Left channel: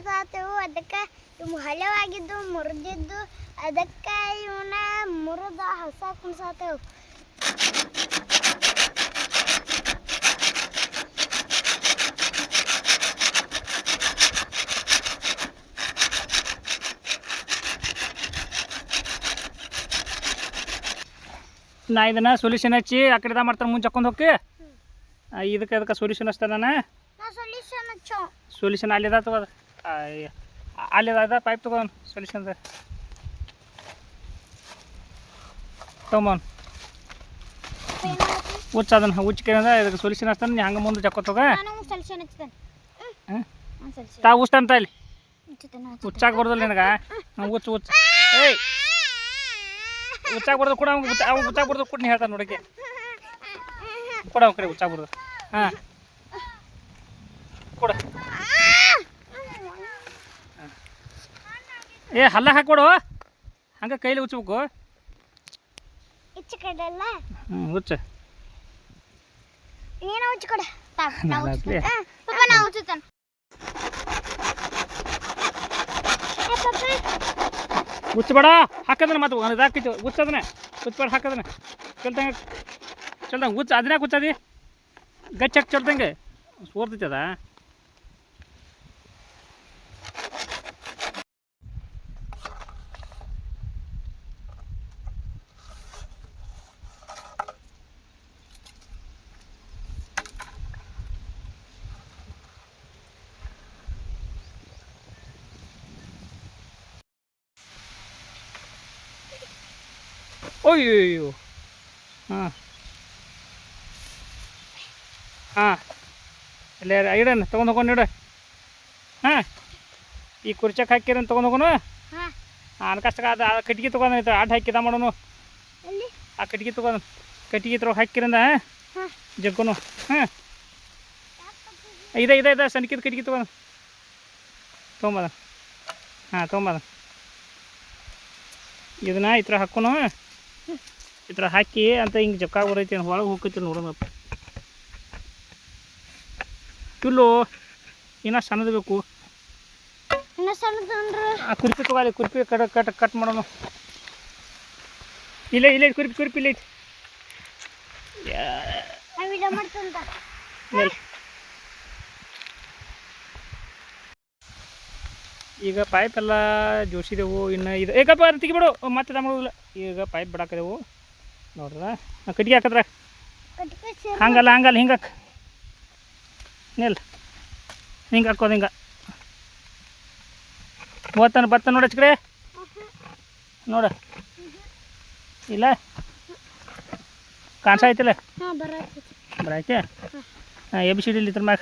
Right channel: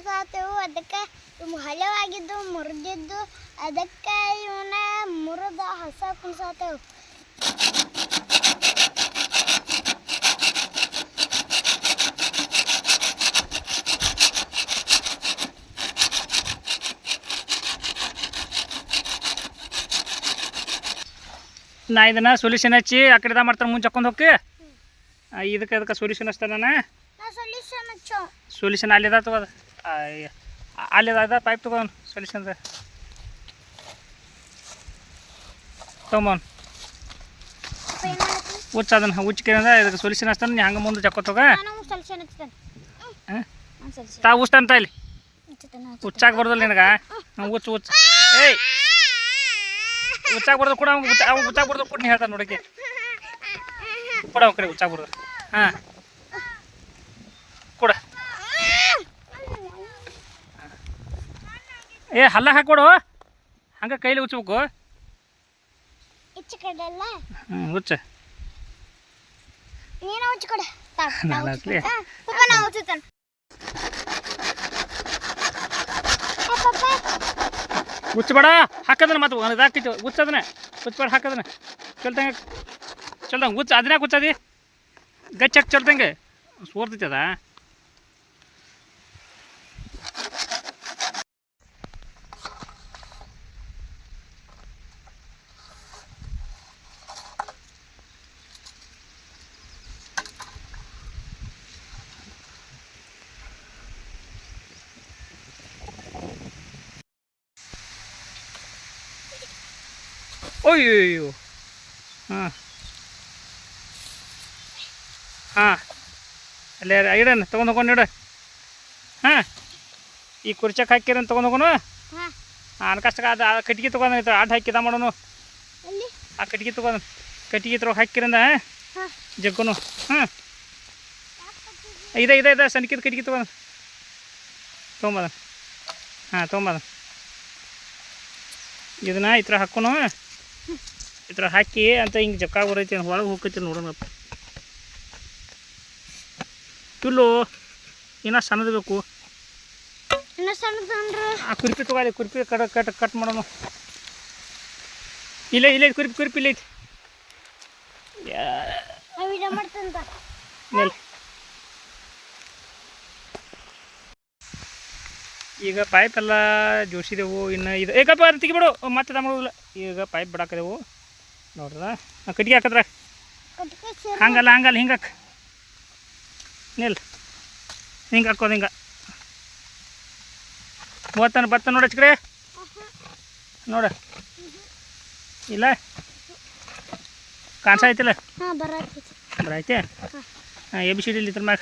ಕುಣ್ಸಾತೇವು. ಅದಕ್ಕೆ ಹಳೆವಾಗಿದ್ದು ಮುರಿದಿದ್ದು, ಅದಕ್ಕೆ ಇವನ್ನ ಮುರಿದ ಹೊಸ ಕುಣ್ಸಾತೇವು. ನಾ ಇದನ್ನ ಸೊಲ್ಯೂಷನ್ ಹಚ್ಚಿ ಆ ಕಡೆ ಮಾಡ್ತಾನೆ ಮುಂಚೆ ಹಾಕೊಂಡು ಹೋಗಿ ಇದಕ್ಕೆ ಸೊಲ್ಯೂಷನ್ ಹಚ್ತಾನೆ ನಾನು. ಸೊಲ್ಯೂಷನ್ ಅಲ್ಲಿದ ತಗೋದು ಅಲ್ಲಿದ ಪೈಪ್ ತಗೋನು ಸೊಲ್ಯೂಷನ್ ತೊಗೊಂಬವ್ನು ಹುಚ್ಚ ಅದನ್ನು ಹುಚ್ಚಿಕೆ ಇದಕ್ಕೆ ಸೊಲ್ಯೂಷನ್ ಹಚ್ತಾನೆ. ನೀ ಹಂಗೆ ಮುಂದೆ ಜಕ್ಕೋತ ಹೋಗ ತಾ ಹುಚ್ತಾನ ಇಲ್ಲಿ ಹುಚ್ಚಾಗ ಬರ್ದಲ್ಲ ನಿನಗೆ ಹುಚ್ಚ ಏಯ್ ಹುಚ್ಚಾಗ ಬರ್ದು ಕೂಡ ಅವ್ನು ಹುಚ್ಚಾಗ ಬರ್ದು ಕೂಡ ನೀ ಹೇಳ್ತಾನೆ ನೋಡಕ್ಕೆ ಕೊಡ ಅವ್ನ ಕಡೆ ಹುಚ್ಚಾಗ ಬರ್ದು ಹಾಂ ಕೊಡ ಏ ಹಲ್ಲ ಹಾಕೊಡು ಹಂಗೆ ಕೈಲಿ ಹುಚ್ಚಬೇಕು. ಹುಚ್ಚ ಹುಚ್ಚಬೇಡ ಹಾಕದನ ಮತ್ತೆ ಇದಾಗ್ತೈತಿ ಹುಚ್ಚದನ್ನ ಹುಚ್ಚಬೇಡ ಹಾಕದನ ಚಲ್ತಂಗೆ ಚಲ್ದಂಗೆ ಹುಚ್ಚ ಅದನ್ನ ಹುಚ್ಚದಿ ಗಚ್ಚ ಚಲ್ತಂಗೆ ಸೋರ್ತೈತಿ ಅದ. ಅಯ್ಯೋ ಹಾಂ ಹಾಂ ಅಲ್ಲೇ ಇಡೋಣ ತೊಗೊಂಡು ಹೋಗೋಣ ಇಡು. ಹಾಂ ಈ ಕುರ್ಚಕ್ಕೆ ಹಾಕಿರ ತೊಗೊಂಡು ಹೋಗೋಣ. ಅನ್ಕಷ್ಟ ಅದು ಕಟ್ಗೆ ತೊಗೊಂಡು ಆಟ ಹಾಕಿದ ಮಾಡೋನು ಆ ಕಟ್ಗೆ ತೊಗೊಂಡು ಕಟ್ಗೆ ತೊಗೊಂಡು ಹಾಕಿರಿಂದ ಜಗ್ಗುನು. ಹಾಂ ಇದೆ ಸಣ್ಣಕಿದ ಕಟ್ಗೆ ತೊಗೊಂಬದ ಹಾಂ ತೊಗೊಂಬದ ಇದನ್ನ ಈ ಥರ ಹಾಕೋನು ಈ ಥರ ಹಾಕಿ ಅಂತ ಹಿಂಗೆ ಜಕ್ಕ ಬರೈತಿ ಒಳಗೆ ಹೋಗ್ತೈತಿ ನೋಡೋಣಪ್ಪ. ಇಲ್ಲೋ ಇನ್ನೂ ಸಣ್ಣದು ಬೇಕು. ಆ ಕುರ್ಪಿ ತಗೋಲಿ ಕುರ್ಪಿ ಕಟ್ ಮಾಡೋನು. ಇಲ್ಲ ಕುರ್ಪಿ ಇಲ್ಲ ಐತಿ ಈಗ ಪೈಪ್ ಎಲ್ಲ ಜೋಡಿಸಿದೆವು. ಇನ್ನು ಇದು ಏಕಪ್ಪ ತೆಗಿಬಿಡು ಮತ್ತೆ ಮಾಡೋದಿಲ್ಲ. ಈಗ ಪೈಪ್ ಬಿಡಾಕದೆವು ನೋಡ್ರ ಕಟ್ಗೆ ಹಾಕದ್ರ ಹಂಗಲ್ಲ ಹಿಂಗೆ ಹಾಕ ನಿಲ್ ಹಿಂಗೆ ಹಾಕೋದು ಹಿಂಗೆ ಬತ್ತ ನೋಡ ಕಡೆ ನೋಡ ಇಲ್ಲ ಕಾಣಿಸಾಯ್ತಿಲ್ಲ ಬರೈತೆ. ಹಾಂ ಎಬಿಸಿಡಿ ಇದ್ರ ಮ್ಯಾಗ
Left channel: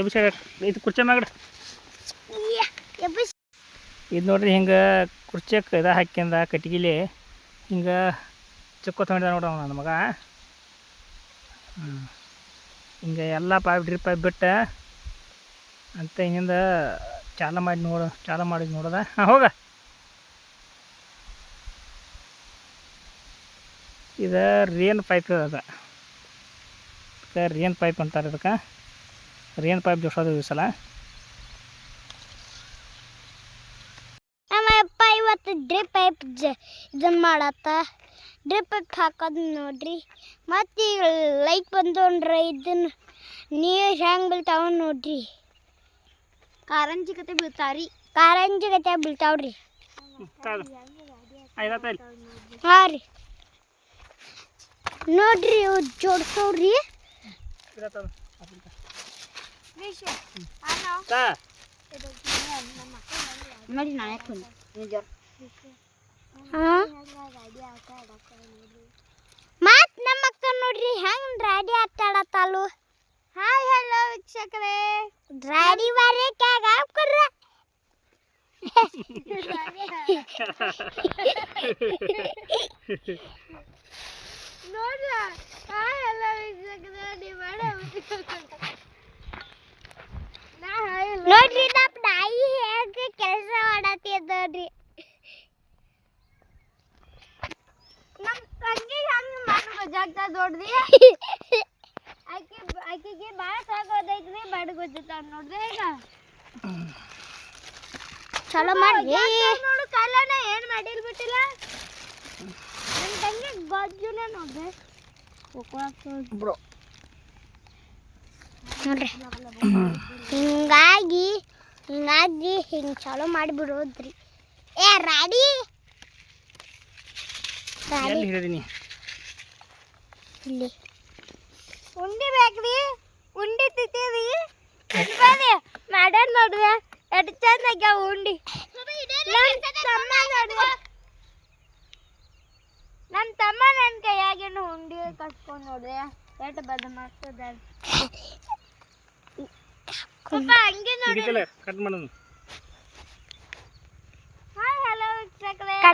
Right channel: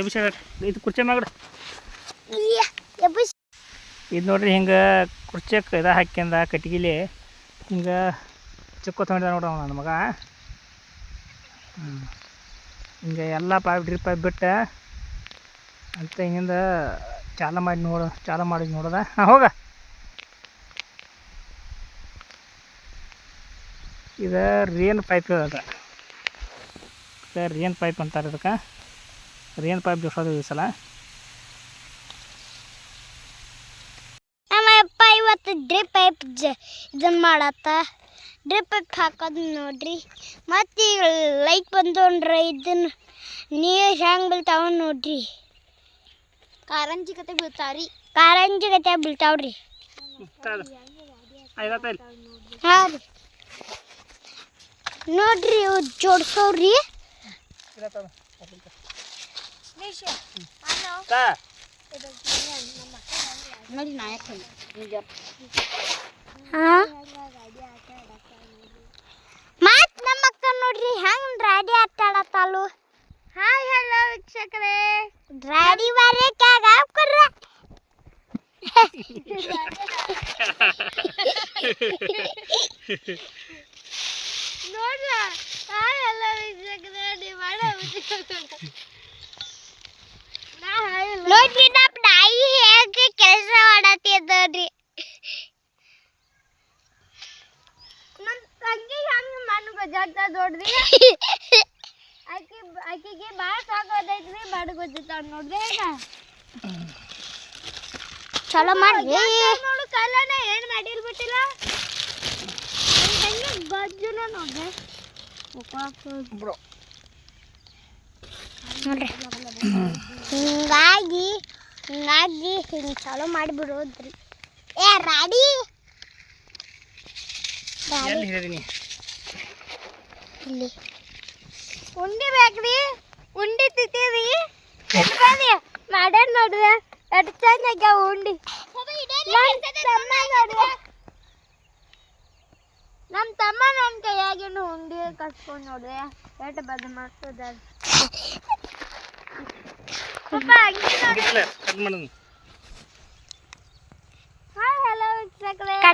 ಎಬಿಸಿಡಿ ಇದು ಕುರ್ಚಿ ಮ್ಯಾಗಡ ಇದು ನೋಡ್ರಿ ಹಿಂಗೆ ಕುರ್ಚಕ್ಕೆ ಇದು ಹಾಕ್ಯಂದ ಕಟ್ಗಿಲಿ ಹಿಂಗೆ ಚಿಕ್ಕ ತೊಗೊಂಡ ನೋಡ್ರಿ ನನ್ನ ಮಗ. ಹಿಂಗೆ ಎಲ್ಲ ಡ್ರಿಪ್ ಪೈಪ್ ಬಿಟ್ಟು ಅಂತ ಹಿಂಗಿಂದ ಚಾಲು ಮಾಡಿ ನೋಡೋದ. ಹಾಂ ಹೋಗ ಇದು ರೇನ್ ಪೈಪ್ ಅದ ರೇನ್ ಪೈಪ್ ಅಂತಾರೆ ಇದಕ್ಕೆ. ರೇನ್ ಪೈಪ್ ಜೋಡಿಸೋದು ಈ ಸಲ. ಡ್ರಿಪ್ ಪೈಪ್ ಇದನ್ನು ಮಾಡತ್ತ ಡ್ರಿಪ್ ಪೈಪ್ ಹಾಕೋದು ನೋಡ್ರಿ. ಮತ್ತು ಈಗ ಲೈಟ್ ಬಂದೋಣ್ರಿ ಇದನ್ನು ನೀರು ಹೆಂಗೆ ಬೀಳ್ತಾವ ನೋಡ್ರಿ. ಕಾರಂಜಿ ಕತೆ ಬೀಳ್ತಾವ್ರಿ. ಹಾಂ ರೀ ನೋಡ್ರಿ ಇವು ಜೋಡ್ಸವ್ರಿ. ನೋಡಿ ನಾಯಕ ಮತ್ ನಮ್ಮ ಅಕ್ಕ ನೋಡ್ರಿ ಹೆಂಗ್ ರಾಡಿ ಆಟ ಆಡತ್ತಾಳು. ಹಾಯ್ ಹಲೋ ವೀಕ್ಷಕರೇ ರಾಡಿ ಬಾರೆ ಕ್ಯಾಗ ಹಾಕ್ಕೊಡ್ರ ನೋಡ್ರಿ. ಹಾಯ್ ಹಲೋ ವೀಕ್ಷಕರೇ ನೋಡ್ರಿ ನಮ್ಮ ನಾಯಿ ಹೇಗೆ ಕೆಲಸ ಮಾಡತ್ತಿದ ನೋಡ್ರಿ. ನಮ್ಮ ತಂಗಿ ಹಂಗೆ ಮಣ್ಣು ಗೊತ್ತಾಗ್ತದ ನೋಡ್ರಿ. ಆಕಿಗೆ ಭಾಳ ಸಾಕೋದೈತ್ರಿ ಬಾಡು ಗೊತ್ತಾಗ್ತಾವ ನೋಡ್ರಿ. ಚಲೋ ಮಾಡ್ರಿ ನೋಡು ಕಾಲನ ಏನು ಮಾಡಿಲ್ ಬಿಟ್ಟಿಲ್ಲ ಹೆಂಗೆ ಬಾಜುನ ನೋಡ್ರಿ ನೋಡ್ರಿ ಹಿಂಗಾಗಿ ಹಿಂಗೆ ಚಲೋ ಮಾಡಿಬಿಡೋದ್ರಿ ಏ ರಾಡಿ ಎಲ್ಲಿ ಹೇಳಿದೀನಿ ಇಲ್ಲಿ ಉಂಡಿ ಬೇಕ್ರಿ ಉಂಡಿ ತಿಂತೀರಿ ಎತ್ಕೊಳ್ಳಿ ಮಾಡ್ಯಾರ ನೋಡ್ರಿ ಎಷ್ಟು ಚಂದ ಆಗ್ಯಾವ ಉಂಡಿ ನಮ್ಮ ತಮ್ಮ ನನ್ನ ಕೈಯಾಗೇನು ಉಂಡಿ ಕಟ್ಕೊಂಡು ನೋಡ್ರಿ ಎಷ್ಟು ಬದ ಮಾಡ್ತದ ಕಟ್ ಮಾಡೋದು ಹಲೋ